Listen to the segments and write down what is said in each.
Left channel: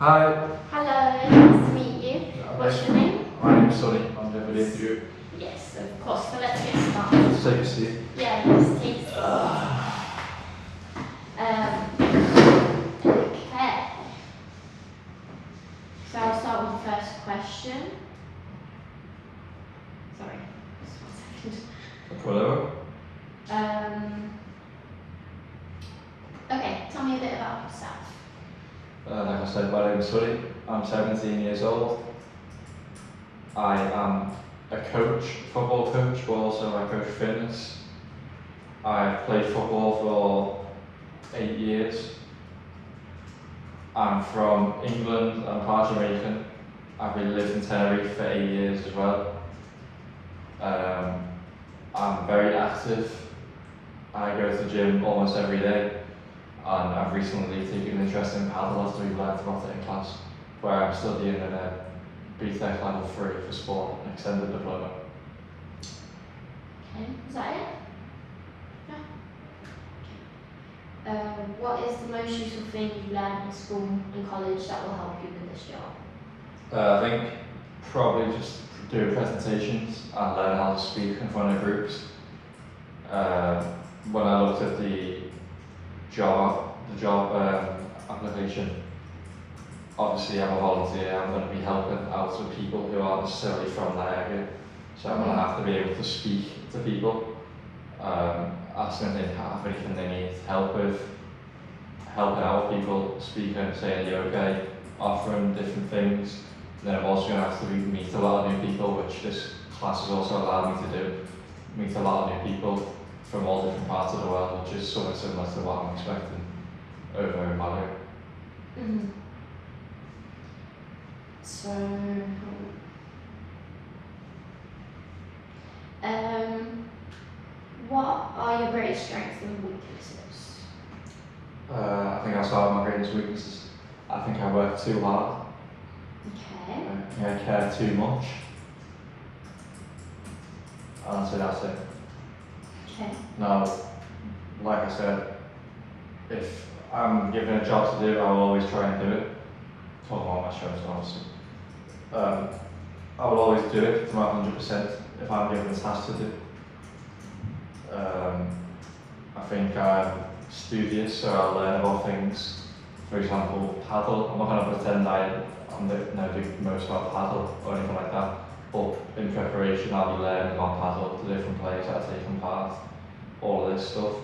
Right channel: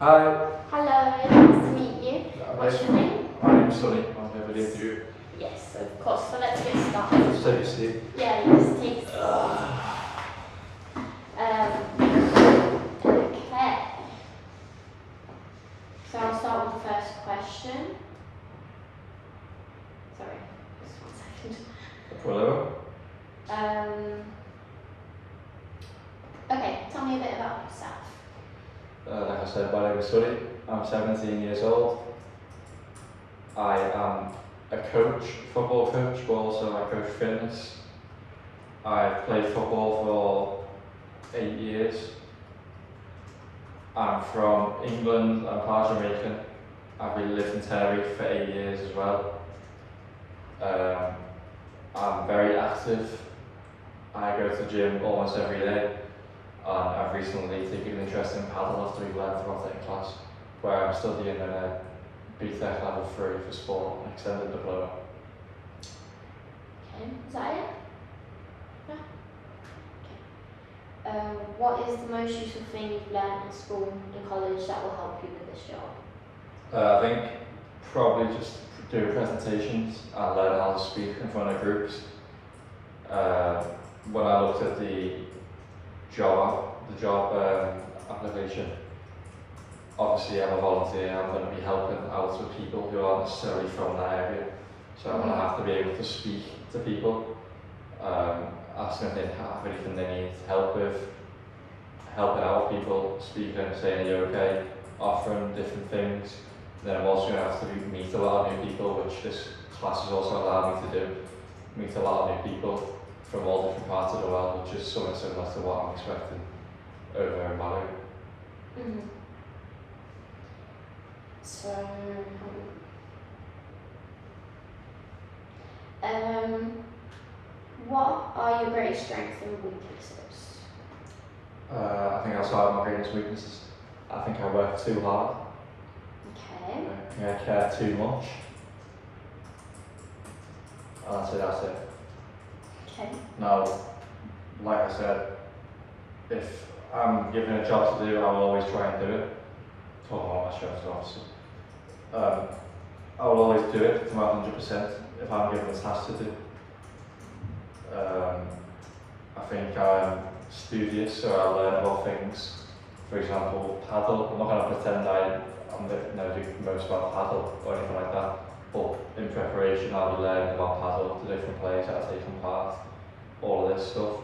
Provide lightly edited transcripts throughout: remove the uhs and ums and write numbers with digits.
Hi. Hello, nice to meet you. What's your name? My name's Sonny. I'm going to be interview. Yes, of course. So let's get started. Just take a seat. Yeah, yes, take a seat. Okay. So I'll start with the first question. Sorry, just 1 second. Pull over. Okay, tell me a bit about yourself. Like I said, my name's Sonny. I'm 17 years old. I am a coach, football coach, but also I coach fitness. I've played football for 8 years. I'm from England. I'm part Jamaican. I've been living in Tenerife for 8 years as well. I'm very active. I go to the gym almost every day, and I've recently taken an interest in paddle after we learned about it in class, where I'm studying a BTEC level 3 for sport, an extended diploma. Okay, is that it? Yeah. Okay. What is the most useful thing you've learned in school and college that will help you with this job? I think probably just do presentations and learn how to speak in front of groups. When I looked at the job application, obviously I'm a volunteer. I'm going to be helping out with people who aren't necessarily from that area, so I'm going to have to be able to speak to people, ask them if they have anything they need help with, helping out people, speaking, saying you're okay, offering different things. Then I'm also going to have to meet a lot of new people, which this class has also allowed me to do. Meet a lot of new people from all different parts of the world, which is somewhat similar to what I'm expecting over in Malaga. So, what are your greatest strengths and weaknesses? I think I'll start with my greatest weaknesses. I think I work too hard. Okay. I think I care too much. And so that's it. Okay. Now, like I said, if I'm given a job to do, I'll always try and do it. Talk about my shows, obviously. I will always do it to my 100% if I'm given a task to do. I think I'm studious, so I'll learn about things. For example, paddle. I'm not going to pretend I'm never do most about paddle or anything like that. But in preparation, I'll be learning about paddle, the different players that are taking part, all of this stuff.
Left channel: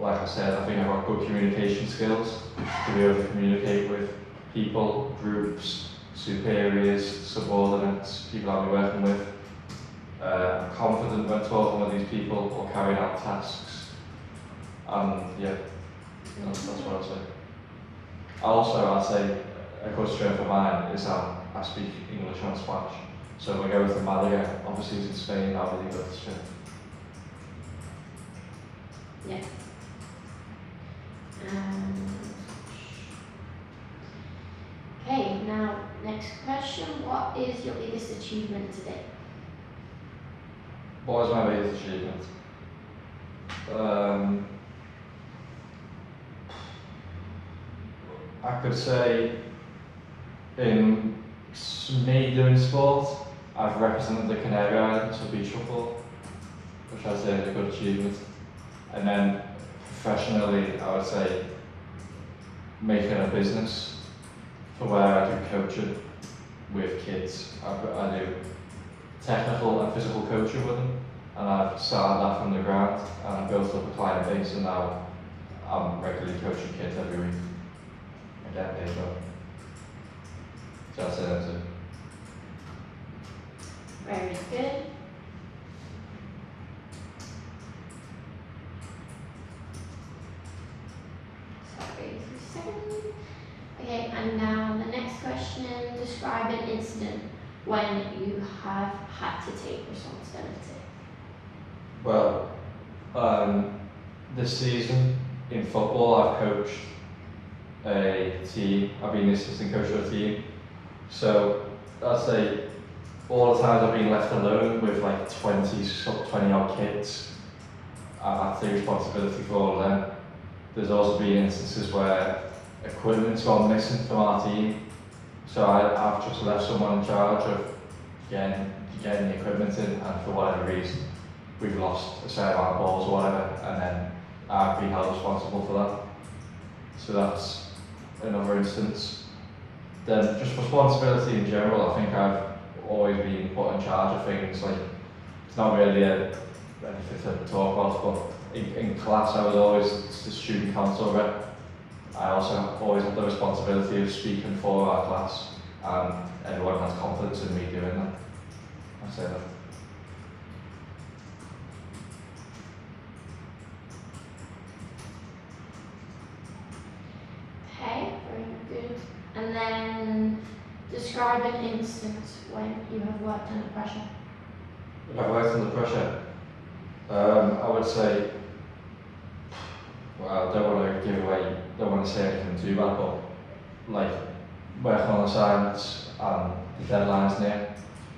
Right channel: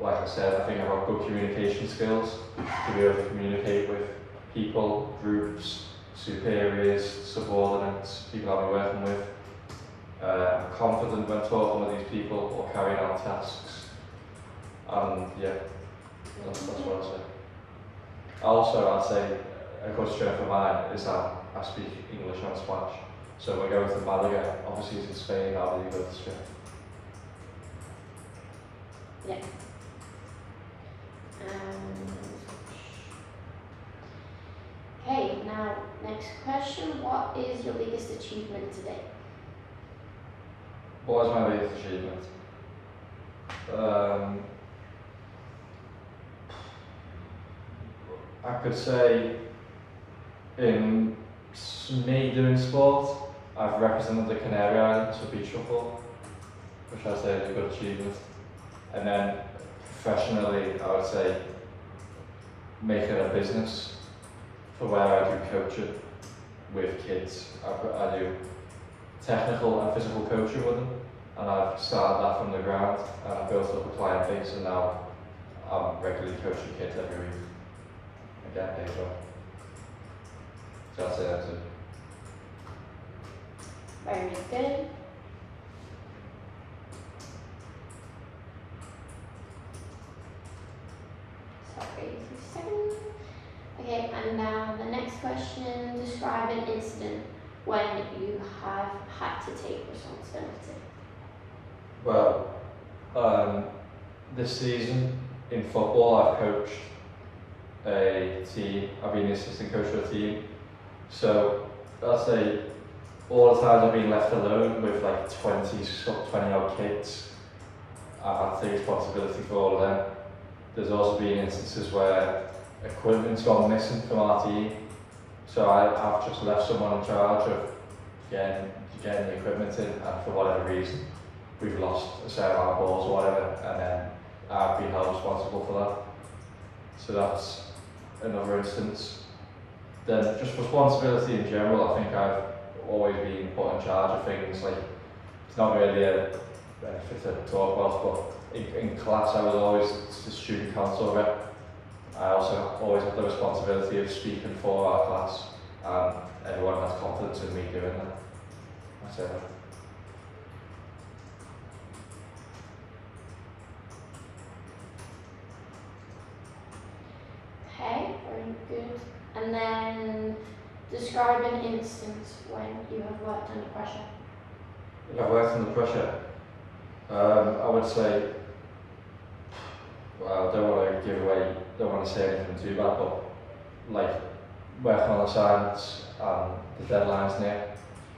Like I said, I think I've got good communication skills to be able to communicate with people, groups, superiors, subordinates, people I'll be working with. I'm confident when talking with these people or carrying out tasks. And yeah, that's what I'll say. Also, I'll say a good strength of mine is that I speak English and Spanish. So when I go to Malaga, obviously it's in Spain, I'll really go to Spain. Yeah. Okay, now next question. What is your biggest achievement today? What is my biggest achievement? I could say in me doing sport, I've represented the Canary Islands for beach football, which I'd say is a good achievement. And then professionally, I would say making a business for where I do coaching with kids. I do technical and physical coaching with them, and I've started that from the ground, and I've built up a client base, and now I'm regularly coaching kids every week. I get paid well. So I'd say that's it. Very good. Sorry, just a second. Okay, and now the next question. Describe an incident when you have had to take responsibility. Well, this season in football, I've coached a team. I've been the assistant coach of a team. So I'd say all the times I've been left alone with like 20 odd kids, I've had to take responsibility for all of them. There's also been instances where equipment's gone missing from our team. So I've just left someone in charge of getting the equipment in, and for whatever reason, we've lost a set of balls or whatever, and then I've been held responsible for that. So that's another instance. Then just responsibility in general, I think I've always been put in charge of things. Like, it's not really anything to talk about, but in class I was always the student council rep. I also always had the responsibility of speaking for our class, and everyone has confidence in me doing that. That's it. Okay, very good. And then describe an instance when you have worked under pressure. I've worked under pressure. I would say, well, I don't want to give away, don't want to say anything too bad, but like working on assignments and the deadlines near,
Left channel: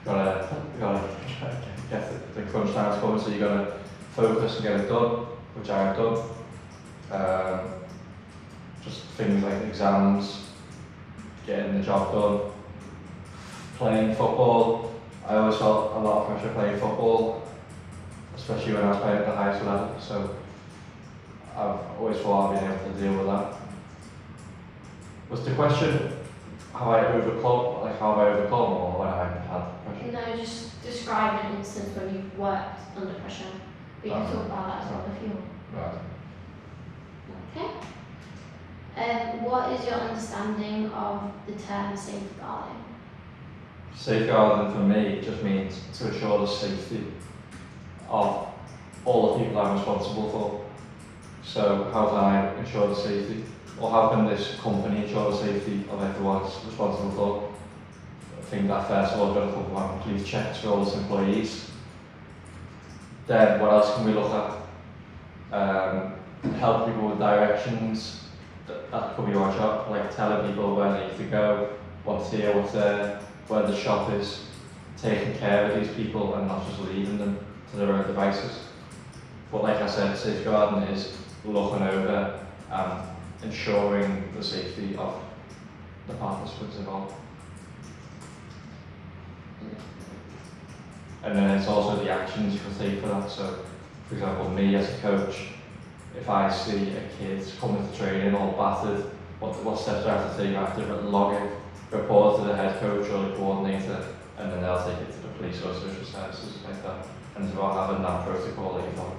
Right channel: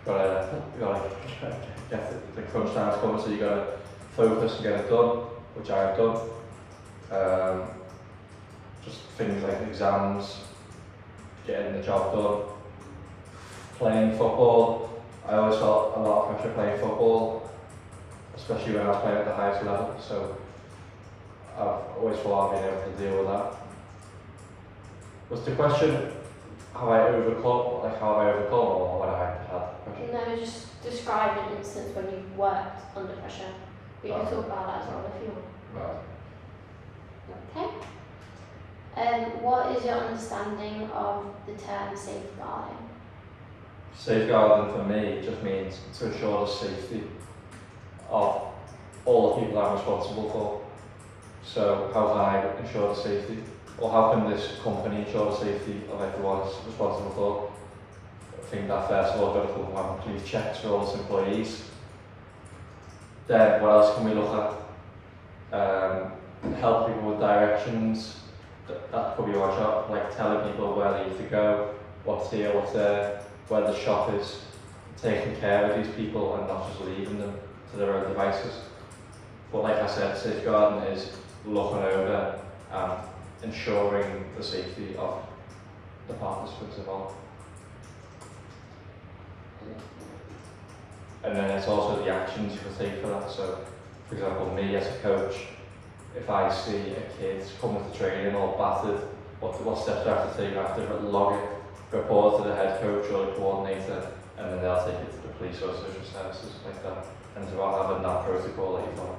you gotta get the crunch times coming, so you gotta focus and get it done, which I have done. Just things like exams, getting the job done, playing football. I always felt a lot of pressure playing football, especially when I was playing at the highest level, so I've always thought I've been able to deal with that. Was the question how I overcome or when I had pressure? No, just describe an instance when you've worked under pressure. We can talk about that as well if you want. Right. Okay. What is your understanding of the term safeguarding? Safeguarding for me just means to ensure the safety of all the people I'm responsible for. So how can I ensure the safety? Or how can this company ensure the safety of everyone it's responsible for? I think that first of all, we've got to come one complete checks for all its employees. Then what else can we look at? Help people with directions. That could be our job, like telling people where they need to go, what's here, what's there, where the shop is, taking care of these people and not just leaving them to their own devices. But like I said, safeguarding is looking over and ensuring the safety of the participants involved. And then it's also the actions you can take for that. So, for example, me as a coach, if I see a kid coming to training all battered, what steps do I have to take? I have to log it, report to the head coach or the coordinator, and then they'll take it to the police or social services, like that. And it's about having that protocol that you follow.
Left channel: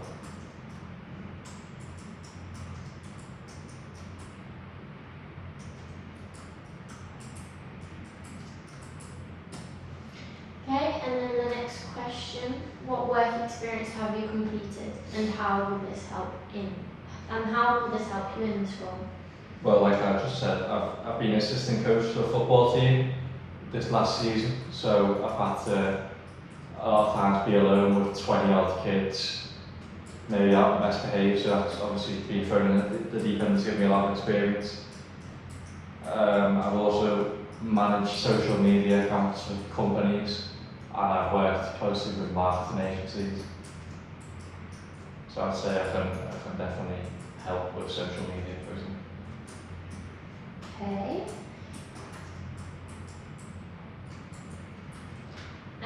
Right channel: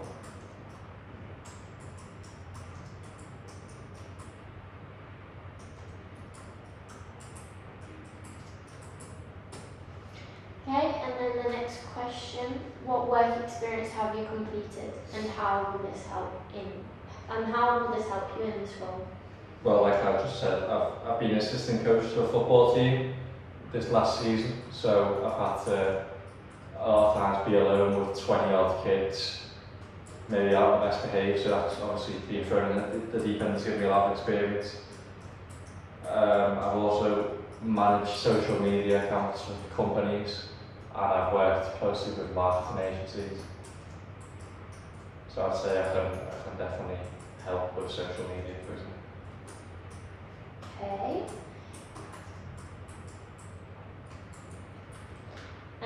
Okay, and then the next question: what work experience have you completed, and how will this help you in this role? Well, like I just said, I've been assistant coach to the football team this last season, so I've had to a lot of times be alone with 20 odd kids, maybe out best behaved, so that's obviously been thrown in the deep end to give me a lot of experience. I've also managed social media accounts for companies, and I've worked closely with marketing agencies. So I'd say I can definitely help with social media, for example. Okay.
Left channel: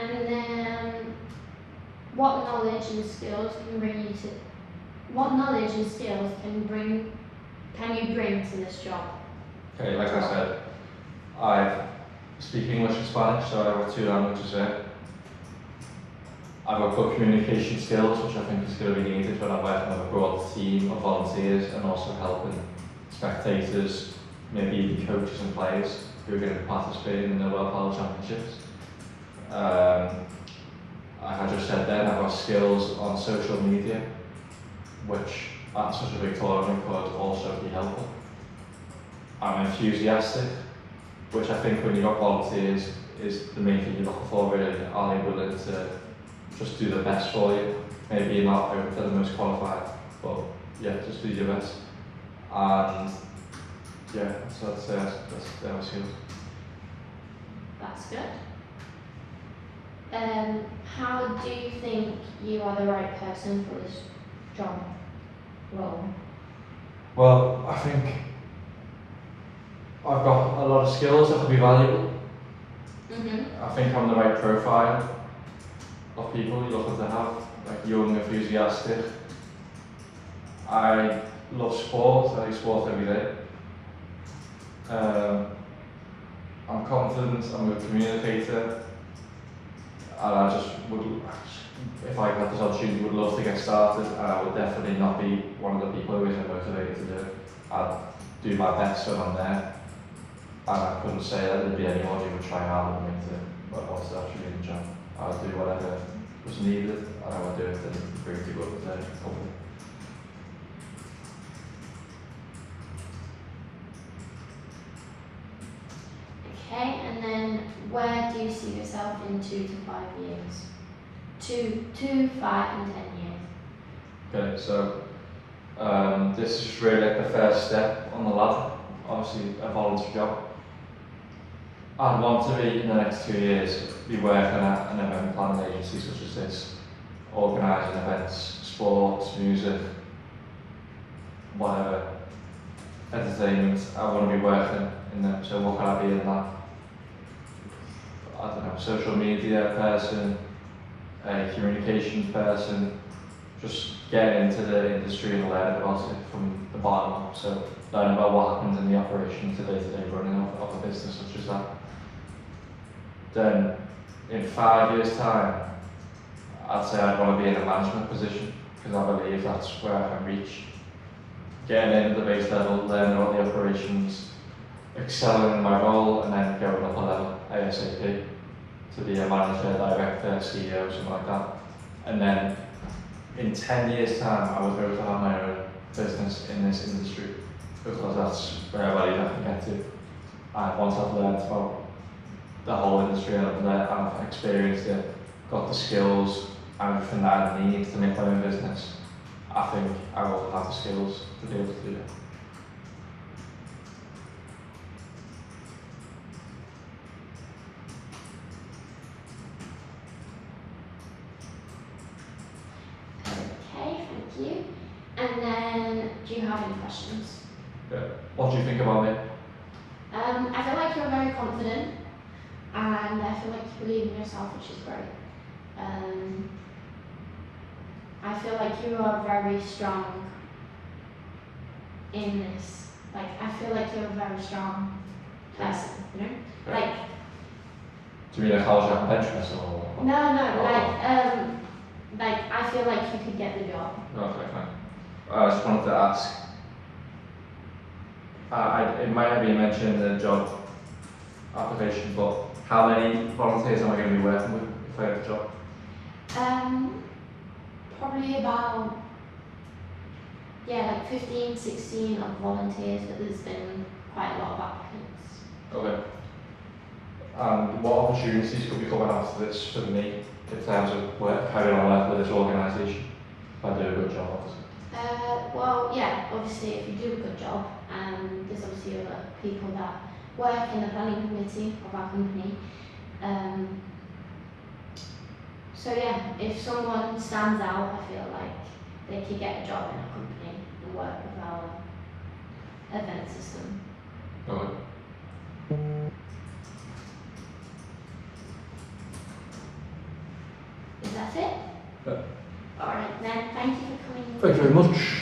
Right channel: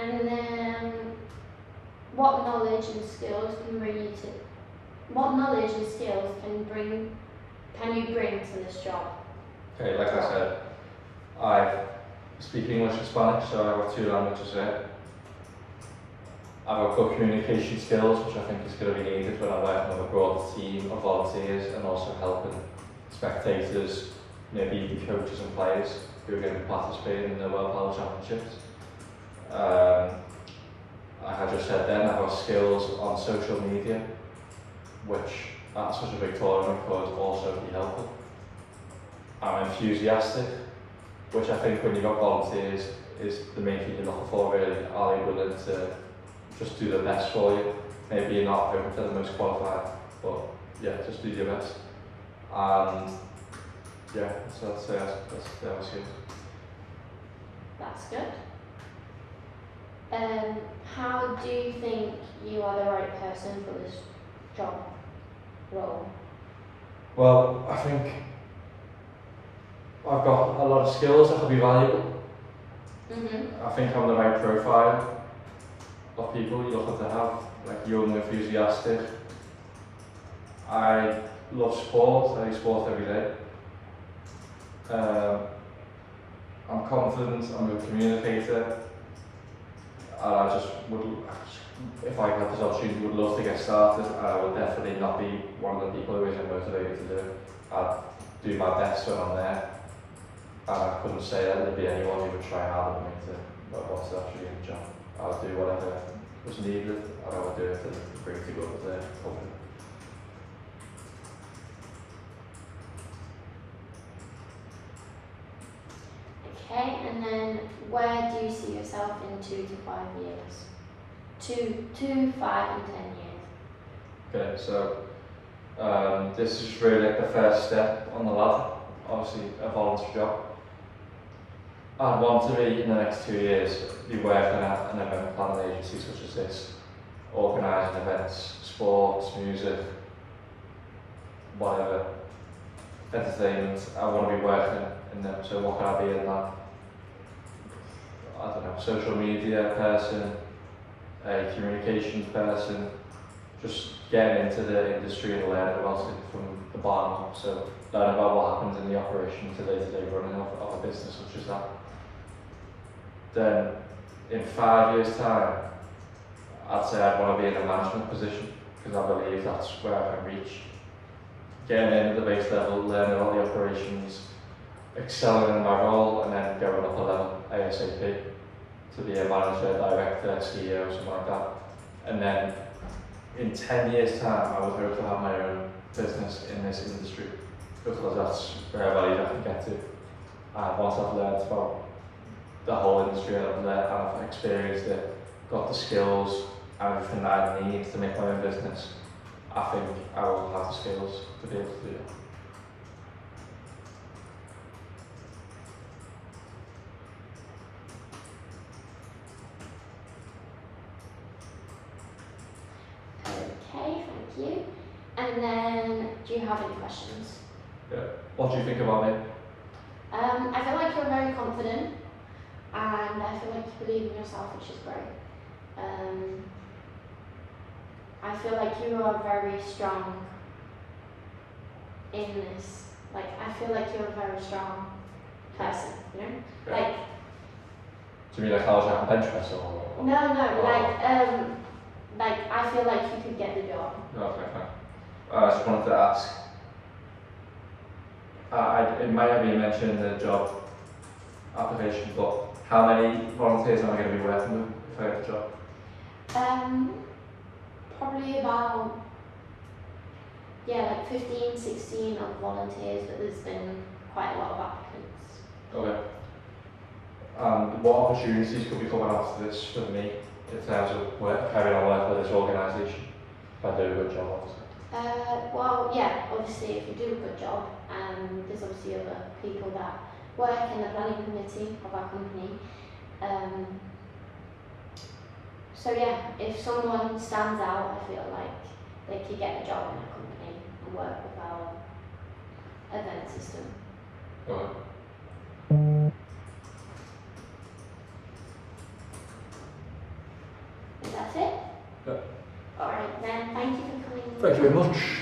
And then, what knowledge and skills can you bring to this job? Okay, like I said, I speak English and Spanish, so I have 2 languages there. I've got good communication skills, which I think is going to be needed when I'm working with a broad team of volunteers and also helping spectators, maybe even coaches and players who are going to participate in the World Padel Championships. I had just said then, I've got skills on social media, which at such a big tournament could also be helpful. I'm enthusiastic, which I think when you've got volunteers is the main thing you're looking for really. Are they willing to just do the best for you? Maybe you're not hoping for the most qualified, but yeah, just do your best. And yeah, so that's their skills. That's good. How do you think you are the right person for this job role? Well, I think I've got a lot of skills that could be valuable. Mm-hmm. I think I'm the right profile of people you're looking to have, like young, enthusiastic. I love sport, I do sport every day. I'm confident, I'm a communicator, and I just would, if I had this opportunity, would love to get started, and I would definitely not be one of the people who isn't motivated to do it. I'd do my best when I'm there, and I couldn't say that there'd be anyone who would try harder than me to want to actually do the job. I would do whatever was needed, and I would do it to bring to good with the company. Okay, and then where do you see yourself in 2 to 5 years? 2, 5 and 10 years. Okay, so this is really like the first step on the ladder, obviously a volunteer job. I'd want to be, in the next 2 years, be working at an event planning agency such as this, organising events, sports, music, whatever, entertainment. I want to be working in them, so what can I be in that? I don't know, social media person, a communications person, just getting into the industry and learning about it from the bottom up. So learning about what happens in the operation day-to-day running of a business such as that. Then in 5 years' time, I'd say I'd want to be in a management position because I believe that's where I can reach. Getting in at the base level, learning all the operations, excelling in my role, and then going up a level ASAP to be a manager, director, CEO, something like that. And then in 10 years' time, I would hope to have my own business in this industry because that's where I believe I can get to. And once I've learned about the whole industry and I've experienced it, got the skills and everything that I need to make my own business, I think I will have the skills to be able to do it. Okay, thank you. And then, do you have any questions? Yeah. What do you think about me? I feel like you're very confident, and I feel like you believe in yourself, which is great. I feel like you are very strong in this. Like, I feel like you're a very strong person, you know? Okay. Like, Do you mean like how was your bench press or? no, Oh. like I feel like you could get the job. No, okay, fine. I just wanted to ask, it might have been mentioned in the job application, but how many volunteers am I going to be working with if I get the job? Probably about, like 15, 16 of volunteers, but there's been quite a lot of applicants. Okay. What opportunities could be coming after this for me in terms of carrying on work with this organisation if I do a good job, obviously? Well, yeah, obviously if you do a good job, there's obviously other people that work in the planning committee of our company. So yeah, if someone stands out, I feel like they could get a job in a company and work with our event system. Okay. Is that it? Yeah. Alright then, thank you for coming. Thank you very much.